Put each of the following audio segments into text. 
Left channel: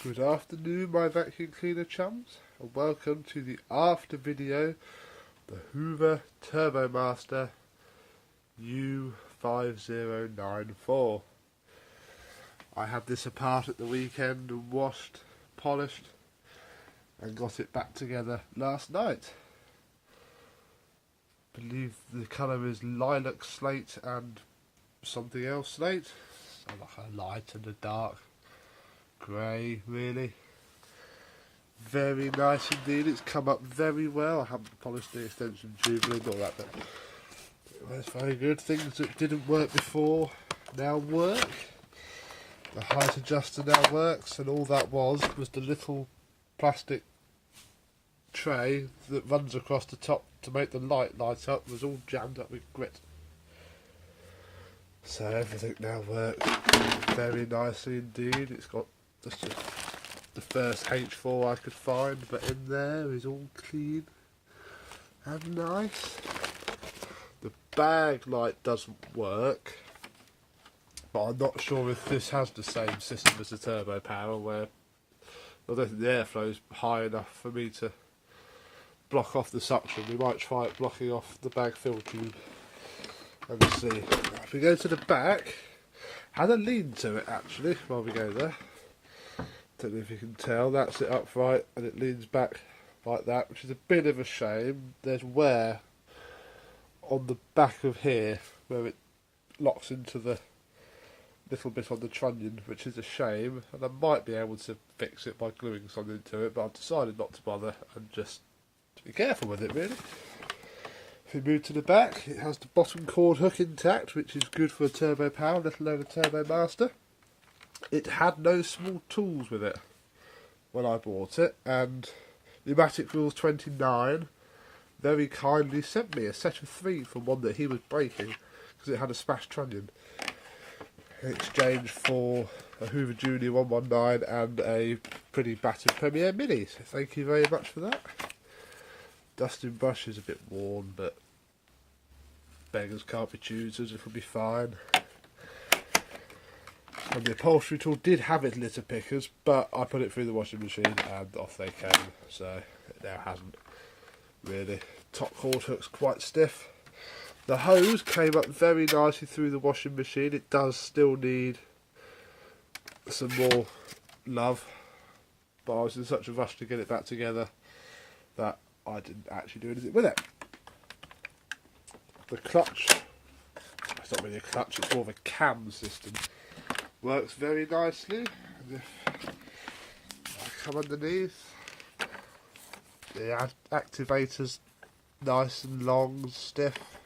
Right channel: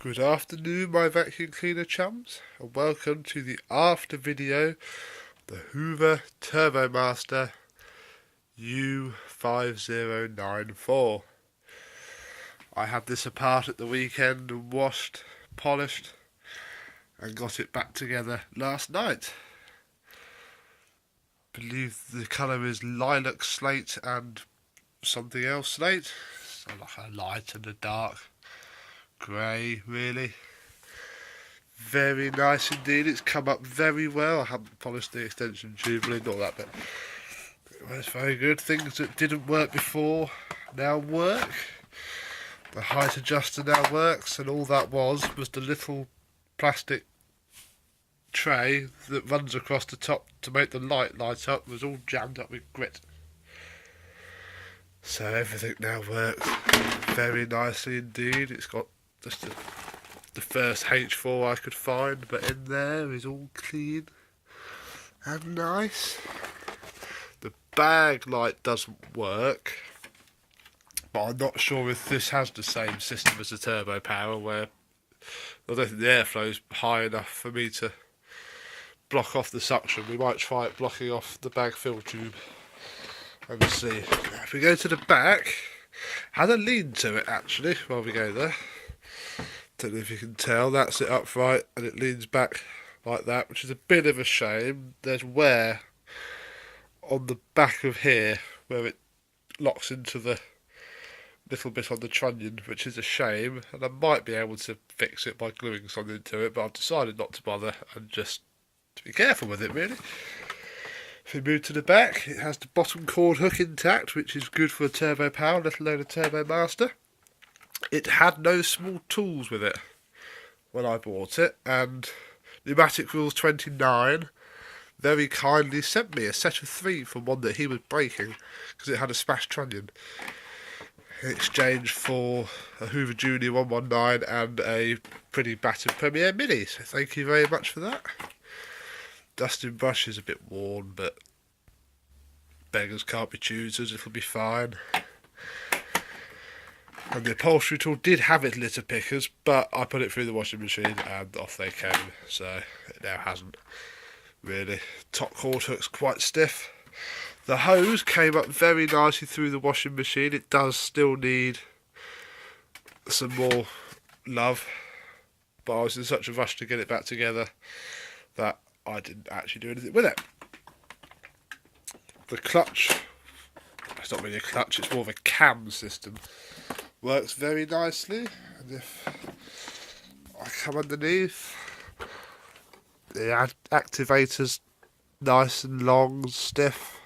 Good afternoon, my vacuum cleaner chums, and welcome to the after video, the Hoover Turbomaster U5094. I had this apart at the weekend and washed, polished, and got it back together last night. I believe the colour is lilac slate and something else slate, so like a light and a dark grey, really. Very nice indeed. It's come up very well. I haven't polished the extension tube, really, not that, but it's very good. Things that didn't work before now work. The height adjuster now works, and all that was the little plastic tray that runs across the top to make the light up was all jammed up with grit. So everything now works very nicely indeed. It's got just the first H4 I could find, but in there is all clean and nice. The bag light doesn't work, but I'm not sure if this has the same system as the turbo power, where I don't think the airflow is high enough for me to block off the suction. We might try it blocking off the bag fill tube and we'll see. If we go to the back, had a lean to it actually while we go there. Don't know if you can tell, that's it upright and it leans back like that, which is a bit of a shame. There's wear on the back of here where it locks into the little bit on the trunnion, which is a shame, and I might be able to fix it by gluing something to it, but I've decided not to bother and just to be careful with it, really. If we move to the back, it has the bottom cord hook intact, which is good for a turbo power, let alone a Turbomaster. It had no small tools with it when I bought it, and Pneumatic Rules 29 very kindly sent me a set of 3 from one that he was breaking because it had a smashed trunnion, in exchange for a Hoover Junior 119 and a pretty battered Premier Mini, so thank you very much for that. Dusting brush is a bit worn, but beggars can't be choosers, it'll be fine. And the upholstery tool did have its litter pickers, but I put it through the washing machine and off they came, so it now hasn't really. Top cord hook's quite stiff. The hose came up very nicely through the washing machine. It does still need some more love, but I was in such a rush to get it back together that I didn't actually do anything with it. The clutch, it's not really a clutch, it's more of a cam system. Works very nicely, and if I come underneath, the activator's nice and long and stiff.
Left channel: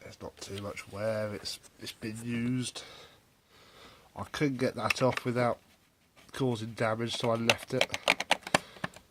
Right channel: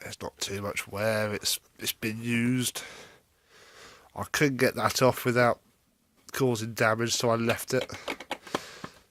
There's not too much wear, it's been used. I couldn't get that off without causing damage, so I left it.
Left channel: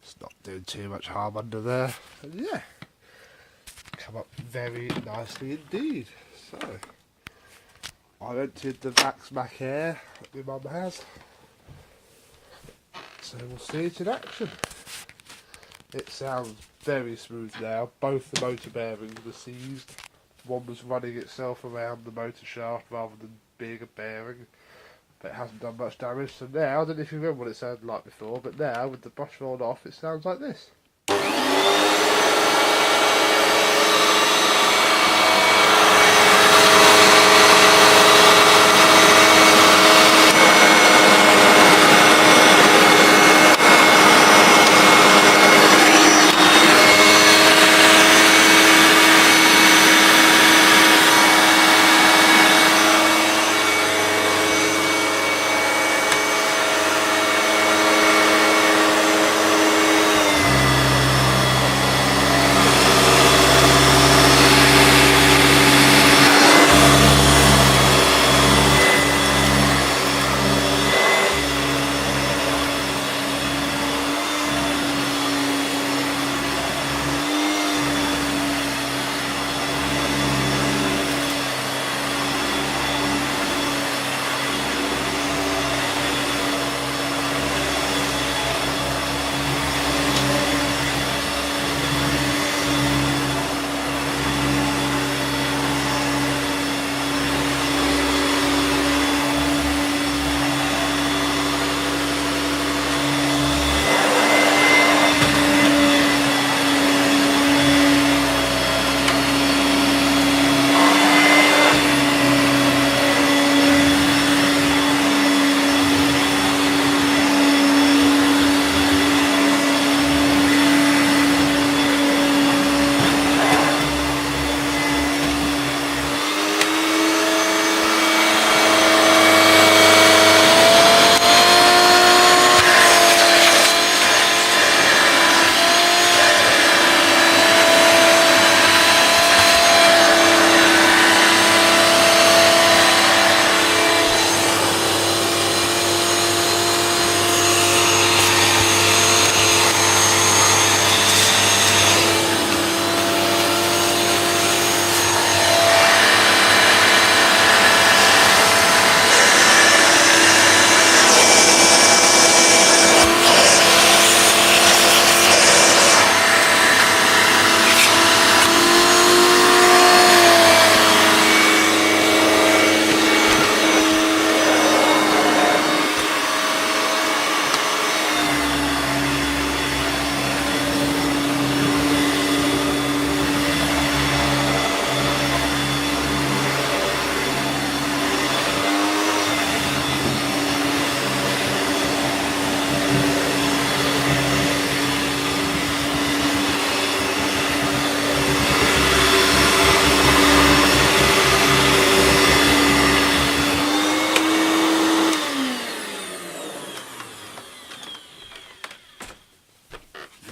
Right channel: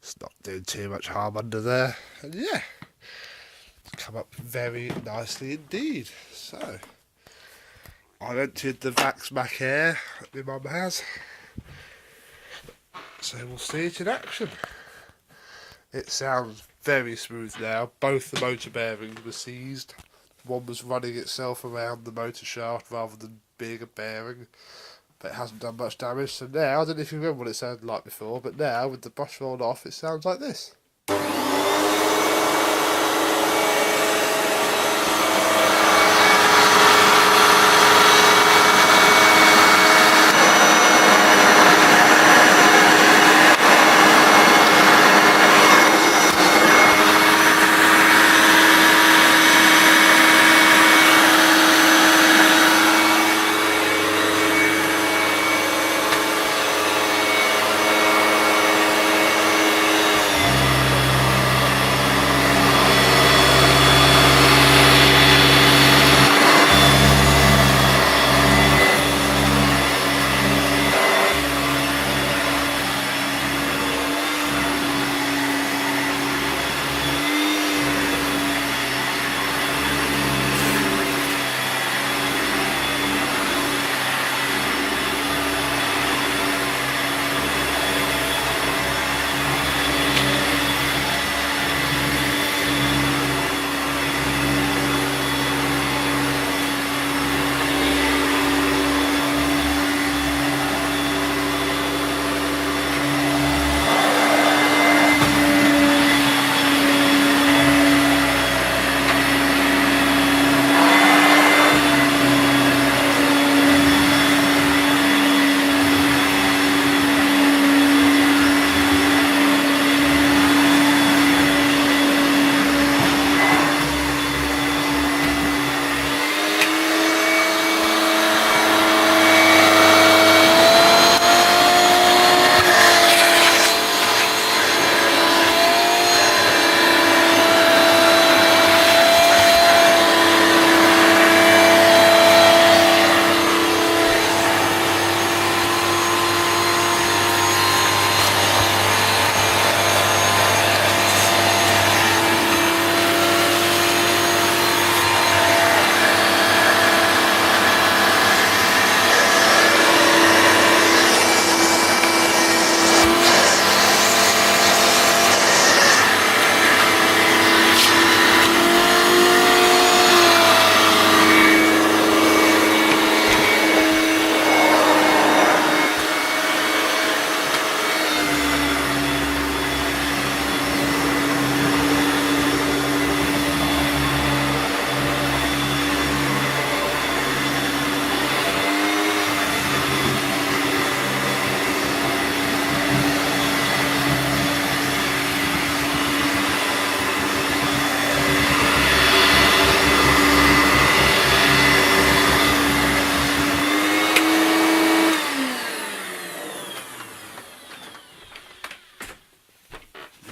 It's not doing too much harm under there, and yeah, come up very nicely indeed. So I emptied the Vax Mac Air that my mum has, so we'll see it in action. It sounds very smooth now. Both the motor bearings were seized. One was running itself around the motor shaft rather than being a bearing, but it hasn't done much damage. So now, I don't know if you remember what it sounded like before, but now with the brush rolled off it sounds like this.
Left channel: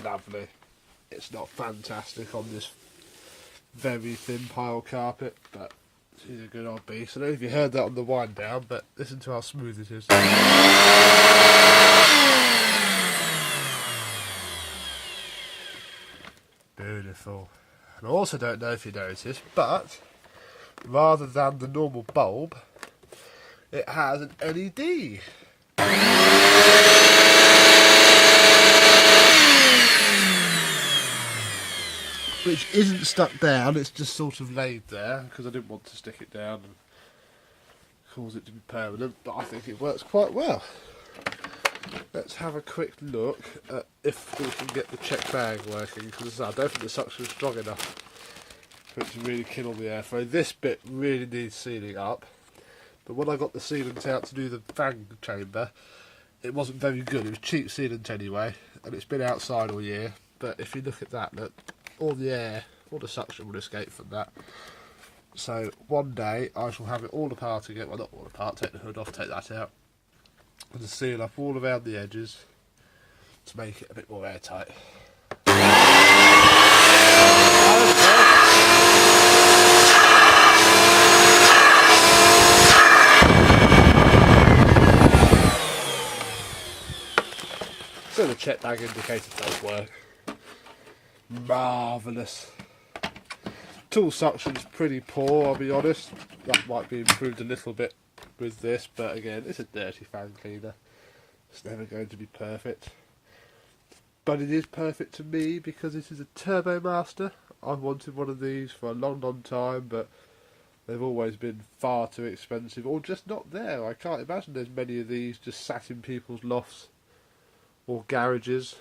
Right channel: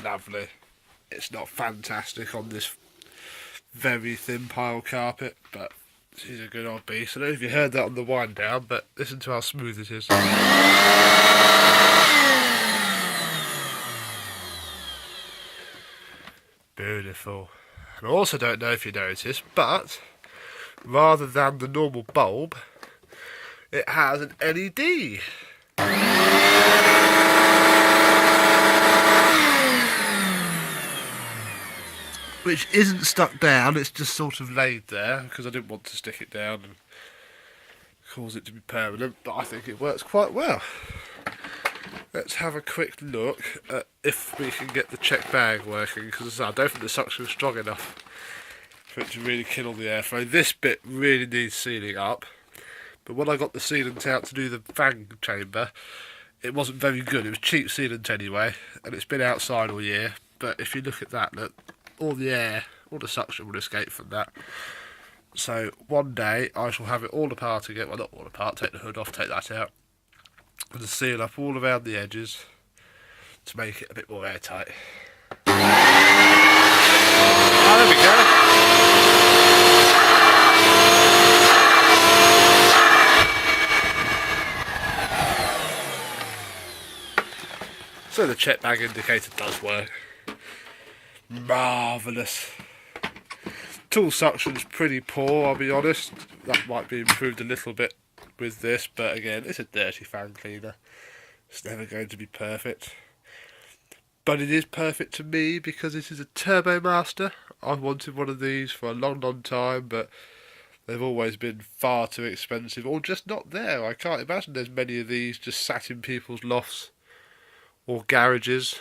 lovely. It's not fantastic on this very thin pile carpet, but she's a good old beast. I don't know if you heard that on the wind down, but listen to how smooth it is. Beautiful. And I also don't know if you noticed, but rather than the normal bulb, it has an LED. Which isn't stuck down, it's just sort of laid there, because I didn't want to stick it down and cause it to be permanent, but I think it works quite well. Let's have a quick look at if we can get the check bag working, because I don't think the suction is strong enough for it to really kill all the airflow. This bit really needs sealing up, but when I got the sealant out to do the fan chamber, it wasn't very good. It was cheap sealant anyway, and it's been outside all year, but if you look at that, look, all the air, all the suction will escape from that. So one day I shall have it all apart again, well not all apart, take the hood off, take that out, and seal up all around the edges to make it a bit more airtight. There we go. So the check bag indicator does work. Marvellous. Tool suction is pretty poor, I'll be honest. That might be improved a little bit with this, but again, it's a dirty fan cleaner. It's never going to be perfect. But it is perfect to me because it is a Turbomaster. I've wanted one of these for a long, long time, but they've always been far too expensive, or just not there. I can't imagine there's many of these just sat in people's lofts or garages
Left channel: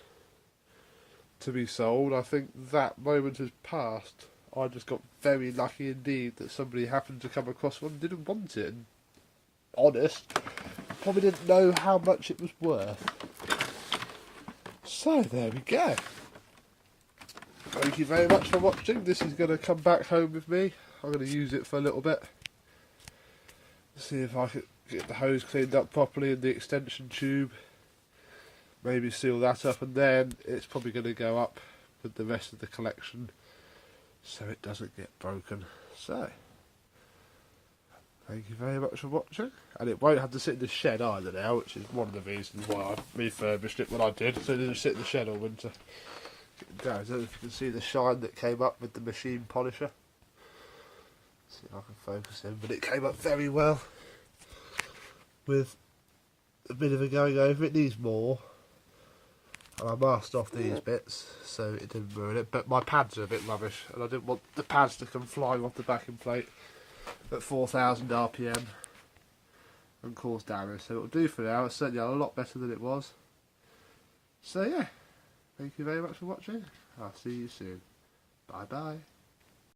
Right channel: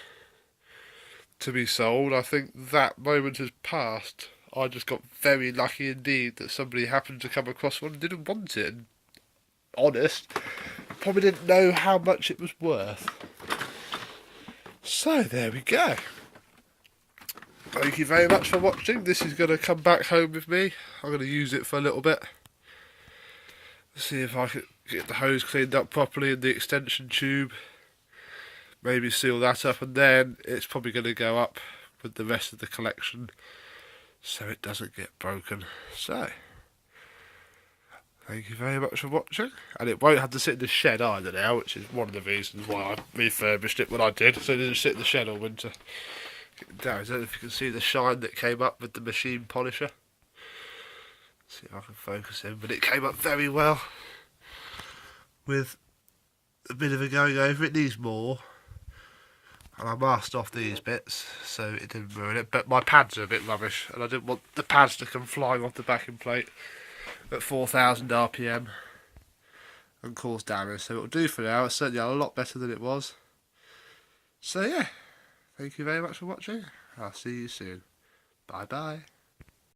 to be sold. I think that moment has passed. I just got very lucky indeed that somebody happened to come across one and didn't want it. And honest, probably didn't know how much it was worth. So there we go. Thank you very much for watching. This is going to come back home with me. I'm going to use it for a little bit. See if I can get the hose cleaned up properly and the extension tube. Maybe seal that up, and then it's probably going to go up with the rest of the collection so it doesn't get broken. So, thank you very much for watching, and it won't have to sit in the shed either now, which is one of the reasons why I refurbished it when I did, so it didn't sit in the shed all winter. Down, I don't know if you can see the shine that came up with the machine polisher. Let's see if I can focus in, but it came up very well with a bit of a going over. It needs more. And I masked off these bits so it didn't ruin it, but my pads are a bit rubbish and I didn't want the pads to come flying off the backing plate at 4,000 RPM and cause damage. So it'll do for now. It's certainly a lot better than it was. So yeah, thank you very much for watching. I'll see you soon. Bye bye.